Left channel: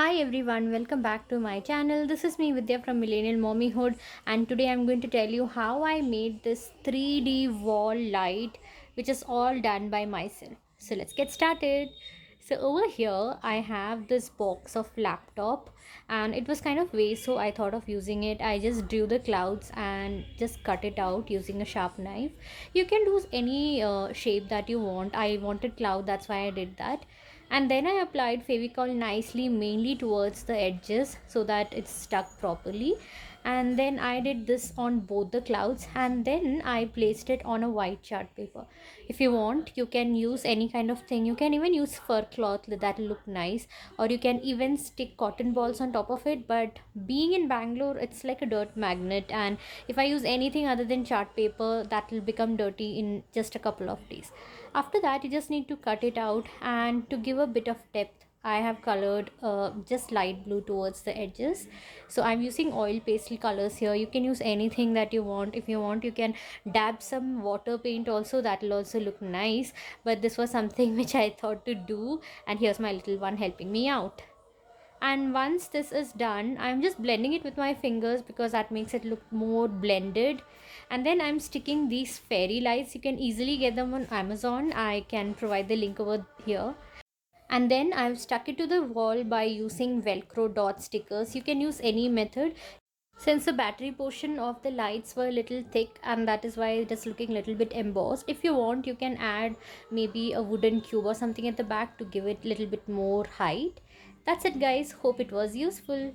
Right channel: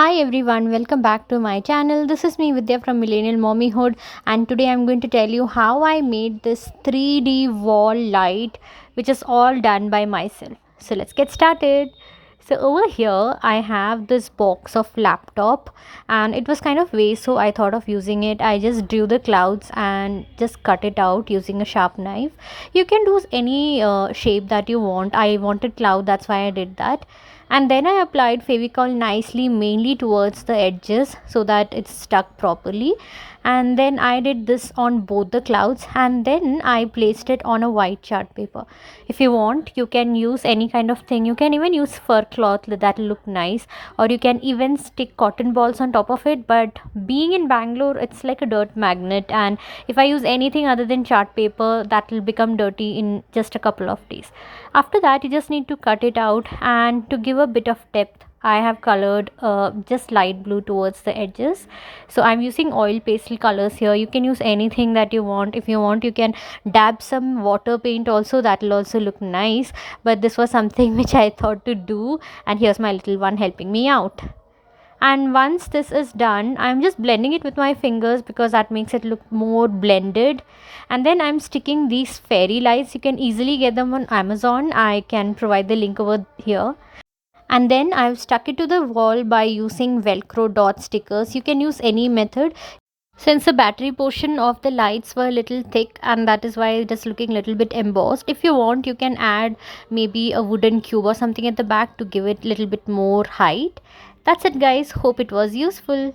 Hi everyone, welcome back to my channel. This is me Vidya from Millennial Mommyhood, and today I'm going to tell you how I made this 3D wall light, which is all done by myself. So let's get started. So over here I have this box of laptop, and it was kind of waste, so I thought of using it. I just drew the clouds and just cut it out using a sharp knife. You can do any shape that you want. I wanted cloud, that's why I did that. And then I applied Favicon nicely, mainly towards the edges so that it's stuck properly. And then I did this on both the clouds, and then I placed it on a white chart paper. If you want, you can use any kind of thing. You can even use fur cloth, that'll look nice, or you can even stick cotton balls on top of it. But being in Bangalore, it's like a dirt magnet, and if I use anything other than chart paper, that will become dirty in just a couple of days. After that, you just need to cut it out, and to give a bit of depth, I have colored just light blue towards the edges. So I'm using oil pastel colors here. You can use anything that you want. If you want, you can dab some water paint also, that will also look nice. But this was something which I thought to do, and here's my little one helping me out. And once this is done, I'm just blending it with my fingers because that makes it look more blended. And then I'm sticking these fairy lights. You can easily get them on Amazon. I can provide the link over here. And then I've stuck it to the wall by using velcro dot stickers. You can use any method, since the battery portion of the lights were a little thick, and that is why it is looking a little bit embossed. If you want, you can add maybe a wooden cube or something at the back to give it a little bit more height. That's it guys, hope it was useful.